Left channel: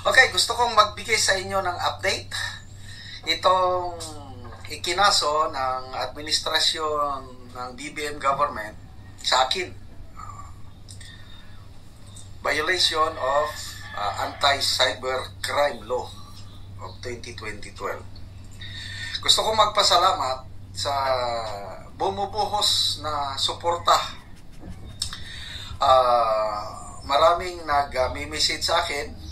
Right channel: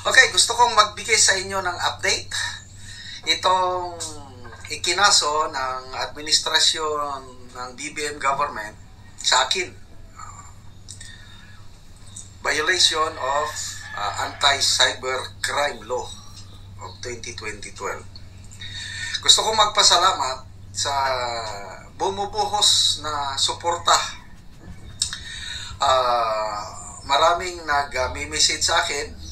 Okay, gusto kong magbigay sa inyo ng update. Itong ikinaso ng administrasyon ng BBM government sa akin. Violation of Anti-Cybercrime Law of 2012. Gusto kong magpasalamat sa bumubuhos na suporta. Maraming nag-message sa akin,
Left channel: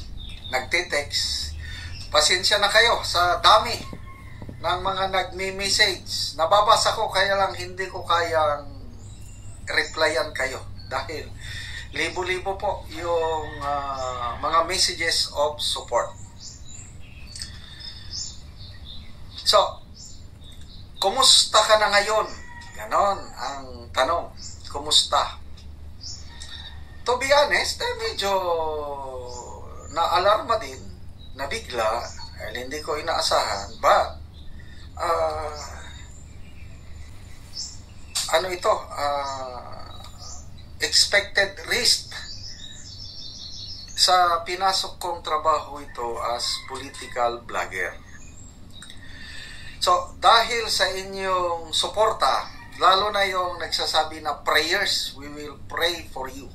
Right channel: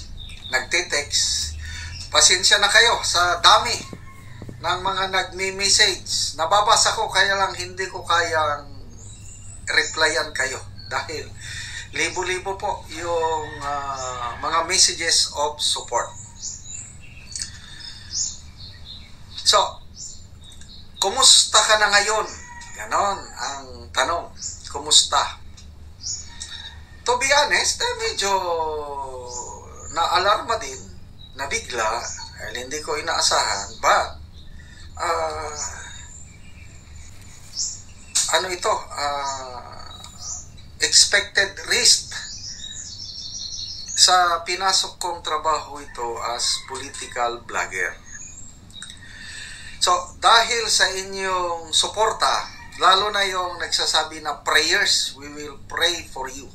nagte-text. Pasensya na kayo sa dami ng mga nagme-message. Nababasa ko, kaya lang hindi ko kayang replyan kayo dahil libo-libo po yung mga messages of support. So, kumusta ka na ngayon? Ganon ang tanong. Kumusta? To be honest, medyo na-alarma din, nabigla, hindi ko inaasahan, but expected risk sa pinasok kong trabaho ito as political blogger. So, dahil sa inyong suporta, lalo na yung nagsasabi na prayers, we will pray for you.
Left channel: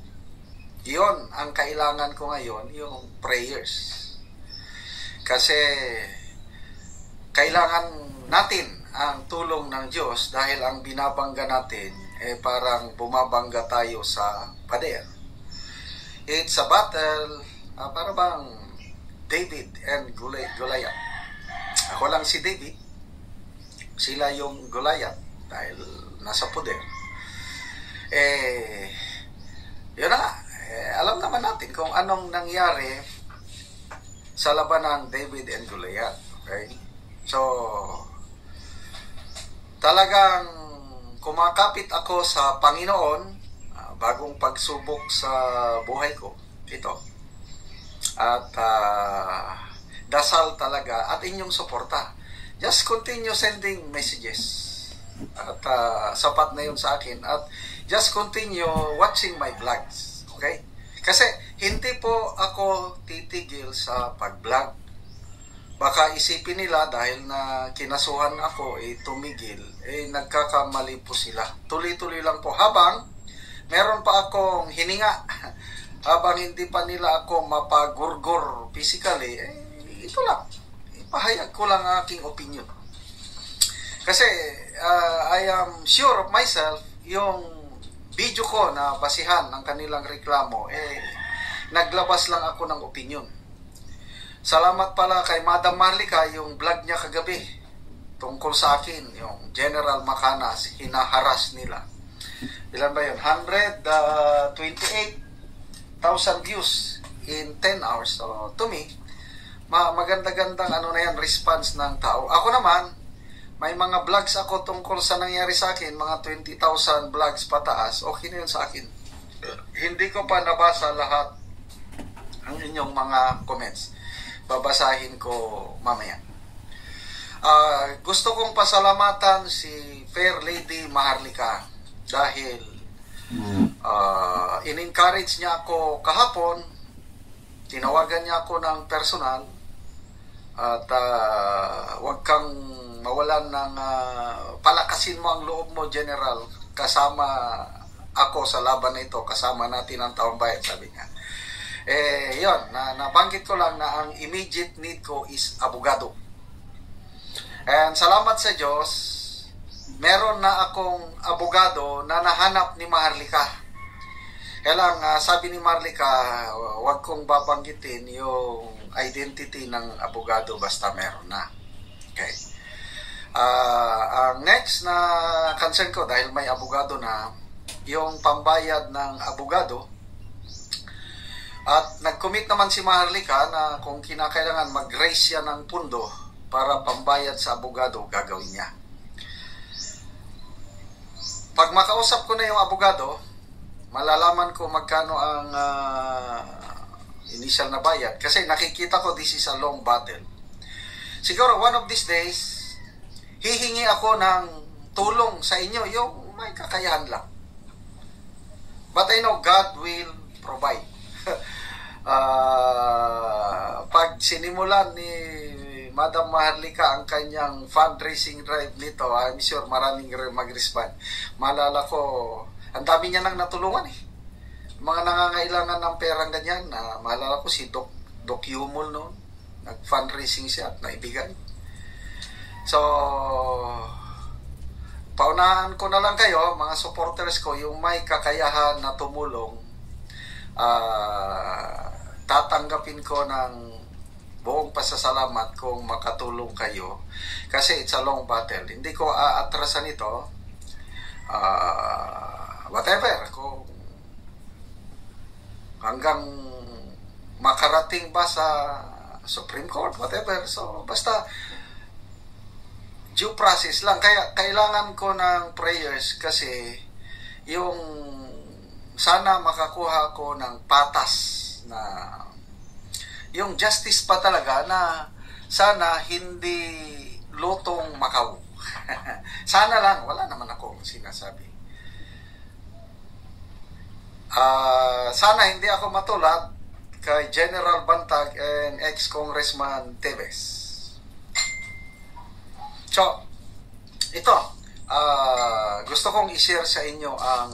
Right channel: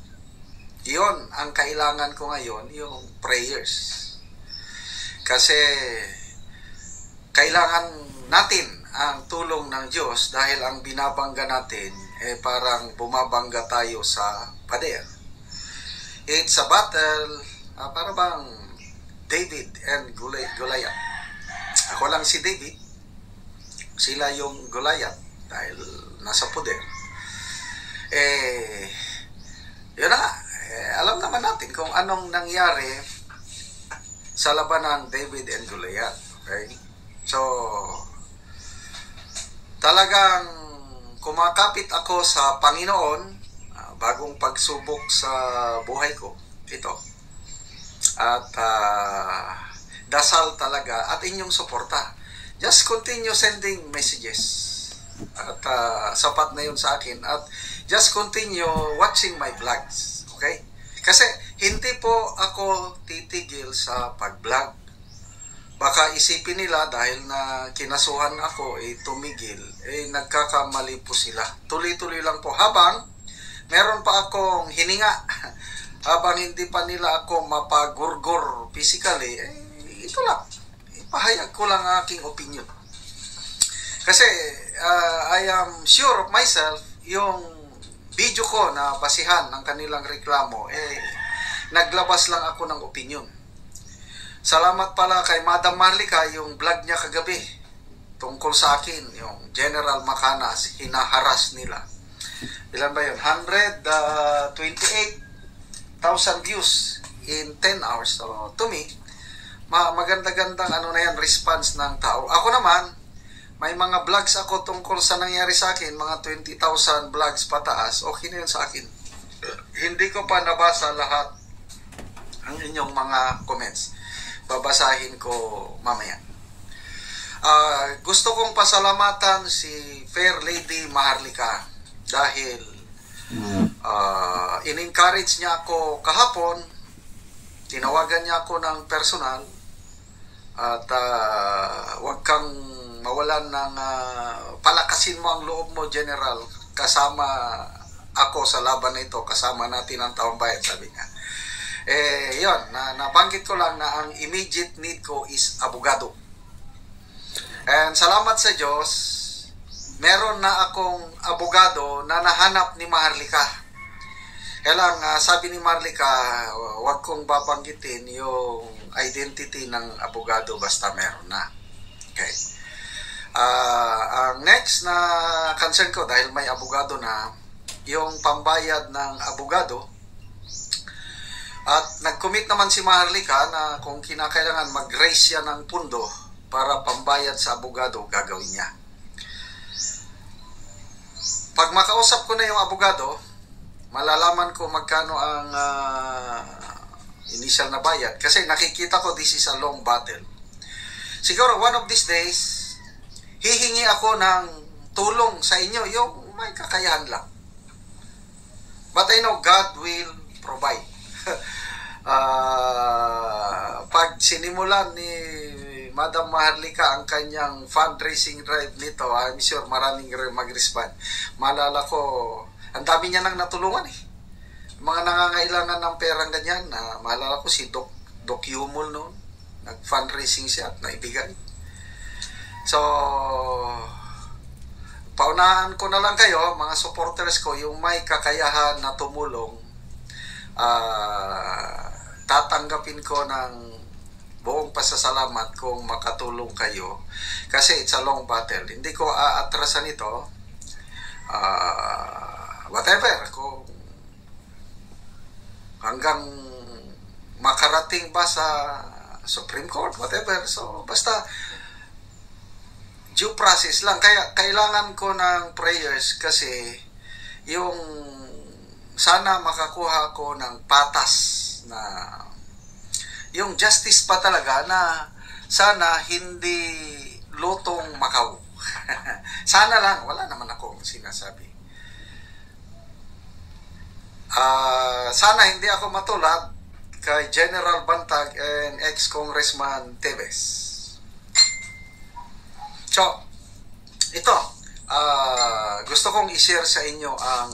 Iyon ang kailangan ko ngayon, yung prayers. Kasi kailangan natin ang tulong ng Diyos dahil ang binabangga natin parang bumabangga tayo sa pader. It's a battle, para bang David and Goliath. Ako lang si David, sila yung Goliath dahil nasa poder. Yun na nga. Alam naman natin kung anong nangyari sa laban ng David and Goliath. Okay? So, talagang kumakapit ako sa Panginoon, bagong pagsubok sa buhay ko. Ito. At dasal talaga at inyong suporta. Just continue sending messages. At sapat na yun sa akin. At just continue watching my vlogs. Okay? Kasi hindi po ako titigil sa pag-vlog. Baka isipin nila dahil na kinasuhan ako, tumigil, nagkakamali po sila. Tuloy-tuloy lang po. Habang meron pa akong hininga, habang hindi pa nila ako mapagurgur physically, ito lang. Ipahayag ko lang aking opinion. Kasi I am sure of myself, yung video ko na basihan ng kanilang reklamo, naglabas lang ako ng opinion. Salamat pala kay Madam Marlica, yung vlog niya kagabi tungkol sa akin, yung General Macanas, hinaharas nila. Ilan ba yun? 128,000 views in 10 hours. So, to me, maganda-gandang response ng tao. Ako naman, may mga vlogs ako tungkol sa nangyari sa akin, mga 20,000 vlogs pataas, okay na yun sa akin. Hindi ko pa nabasa lahat ang inyong mga comments. Babasahin ko mamaya. Gusto kong pasalamatan si Fair Lady Maharlika dahil in-encourage niya ako kahapon, tinawagan niya ako ng personal, at huwag kang mawalan ng palakasin mo ang loob mo, General, kasama ako sa laban na ito, kasama natin ang taong bayan, sabi niya. Yun, nabanggit ko lang na ang immediate need ko is abogado. And salamat sa Diyos, meron na akong abogado na nahanap ni Maharlika. Kaya lang, sabi ni Maharlika, huwag kong babanggitin yung identity ng abogado basta meron na. Okay. Ang next na concern ko, dahil may abogado na, yung pambayad ng abogado. At nag-commit naman si Maharlika na kung kinakailangan mag-raise siya ng pundo para pambayad sa abogado, gagawin niya. Pag makausap ko na yung abogado, malalaman ko magkano ang initial na bayad. Kasi nakikita ko this is a long battle. Siguro one of these days, hihingi ako ng tulong sa inyo, yung may kakayahan lang. But I know God will provide. Pag sinimulan ni Madam Maharlika ang kanyang fundraising drive nito, I'm sure maraming mag-respond. Maalala ko, ang dami niya nang natulungan eh. Mga nangangailangan ng perang ganyan, maalala ko si Doc Yumol noon, nag-fundraising siya at naibigay. So, paunahan ko na lang kayo, mga supporters ko, yung may kakayahan na tumulong, tatanggapin ko ng buong pasasalamat kung makatulong kayo. Kasi it's a long battle. Hindi ko aatrasan ito. Whatever. Kung hanggang makarating ba sa Supreme Court, whatever. So, basta due process lang. Kaya kailangan ko ng prayers kasi yung sana makakuha ko ng patas na yung justice pa talaga na sana hindi lutong Macau. Sana lang, wala naman akong sinasabi. Sana hindi ako matulad kay General Bantag and ex-Congressman Teves. So, ito, gusto kong i-share sa inyo ang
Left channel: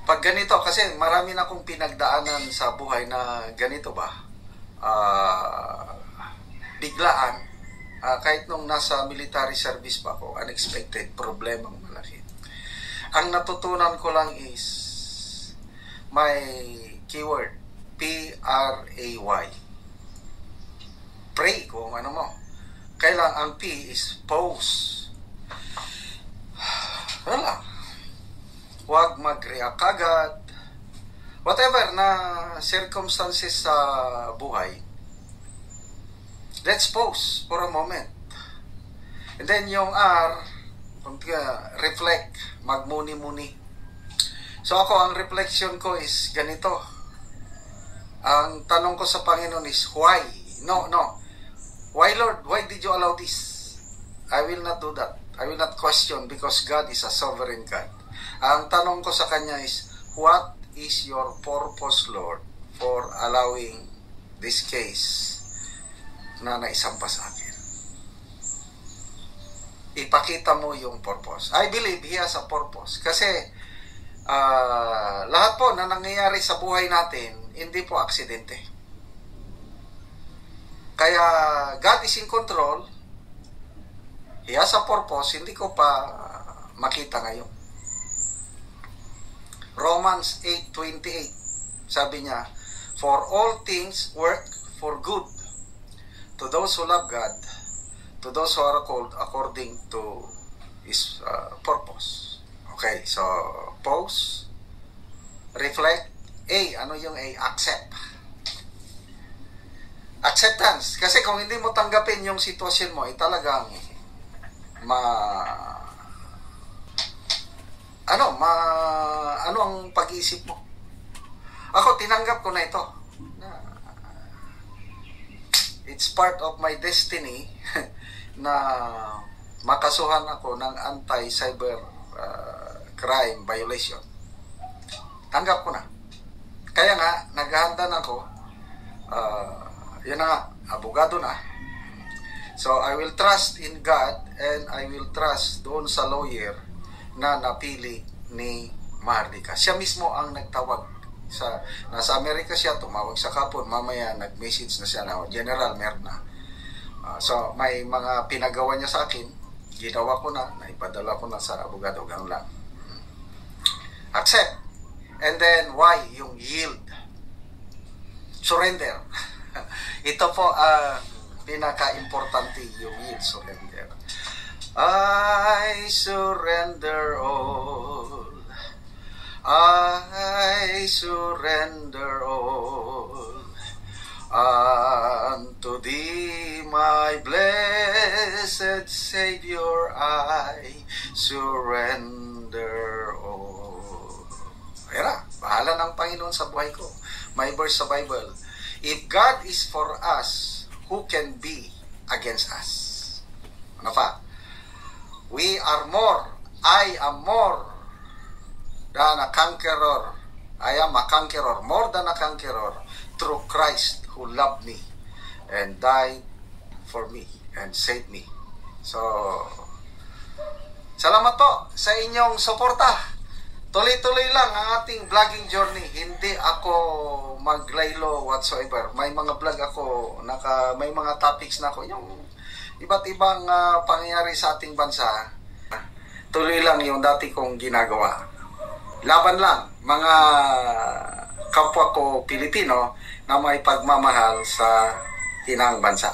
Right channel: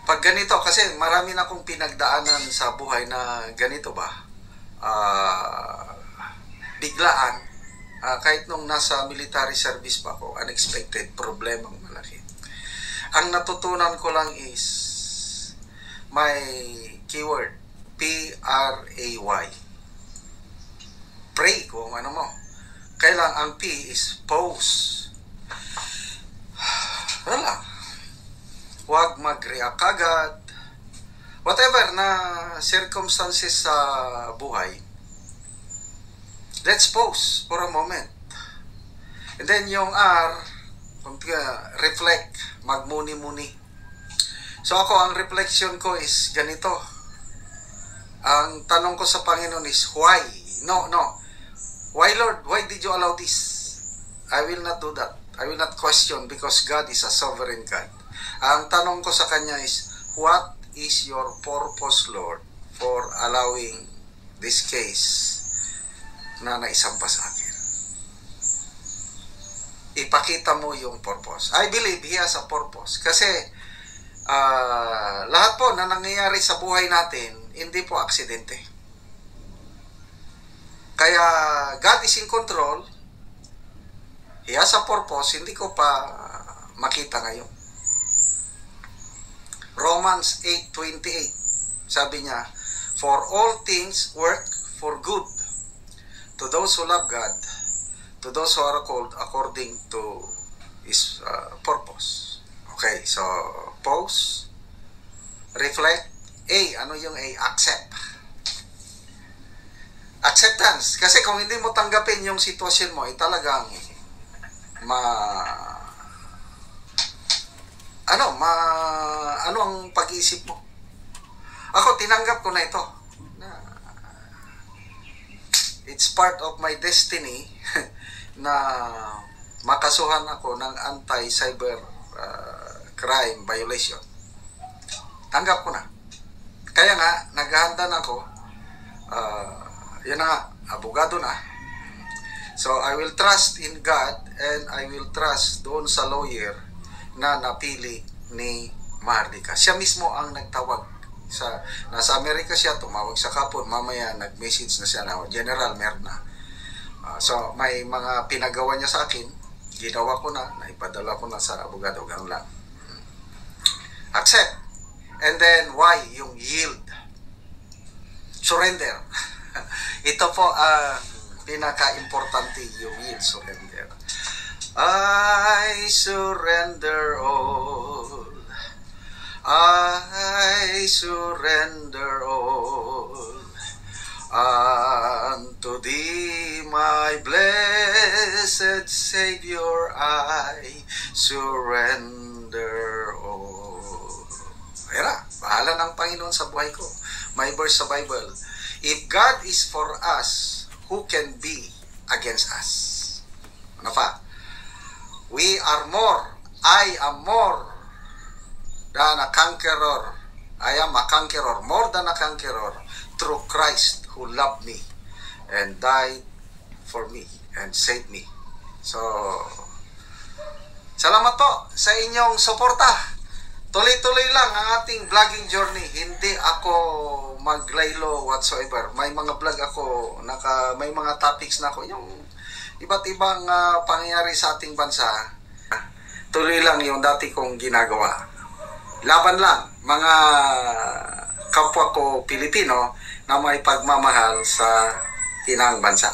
pag ganito, kasi marami na akong pinagdaanan sa buhay na ganito ba, biglaan, kahit nung nasa military service pa ako, unexpected, problemang malaki. Ang natutunan ko lang is may keyword, P-R-A-Y. Pray kung ano mo. Kailang ang P is pause. Wala. Huwag mag-react agad. Whatever na circumstances sa buhay, let's pause for a moment. And then yung R, reflect, magmuni-muni. So ako, ang reflection ko is ganito. Ang tanong ko sa Panginoon is, why? No. Why, Lord? Why did you allow this? I will not do that. I will not question because God is a sovereign God. Ang tanong ko sa Kanya is, what is your purpose, Lord, for allowing this case na naisampa sa akin? Ipakita mo yung purpose. I believe He has a purpose. Kasi lahat po na nangyayari sa buhay natin, hindi po aksidente. Kaya God is in control. He has a purpose. Hindi ko pa makita ngayon. Romans 8:28, sabi niya, for all things work for good to those who love God, to those who are called according to His purpose. Okay, so pause, reflect. A, ano yung A? Accept. Acceptance. Kasi kung hindi mo tanggapin yung sitwasyon mo, talagang ano ang pag-iisip mo? Ako, tinanggap ko na ito. It's part of my destiny na makasuhan ako ng anti-cyber crime violation. Tanggap ko na. Kaya nga, naghahanda na ako. Yan na nga, abogado na. So, I will trust in God and I will trust doon sa lawyer na napili ni Maharlika. Siya mismo ang nagtawag. Nasa Amerika siya, tumawag sa kapon. Mamaya, nag-message na siya na, General, meron na. So, may mga pinagawa niya sa akin. Ginawa ko na, naipadala ko na sa abogado. Ganun lang. Accept. And then, why? Yung yield. Surrender. Ito po ang pinaka-importante, yung yield, surrender. I surrender all. I surrender all. Unto Thee, my blessed Savior, I surrender all. Ayan, bahala ng Panginoon sa buhay ko. May verse sa Bible. If God is for us, who can be against us? Ano pa? We are more. I am more than a conqueror. I am a conqueror. More than a conqueror through Christ who loved me and died for me and saved me. So, salamat po sa inyong suporta. Tuloy-tuloy lang ang ating vlogging journey. Hindi ako maglaylo whatsoever. May mga vlog ako, may mga topics na ako, yung iba't ibang pangyayari sa ating bansa. Tuloy lang yung dati kong ginagawa. Laban lang, mga kapwa ko Pilipino na may pagmamahal sa tinang bansa.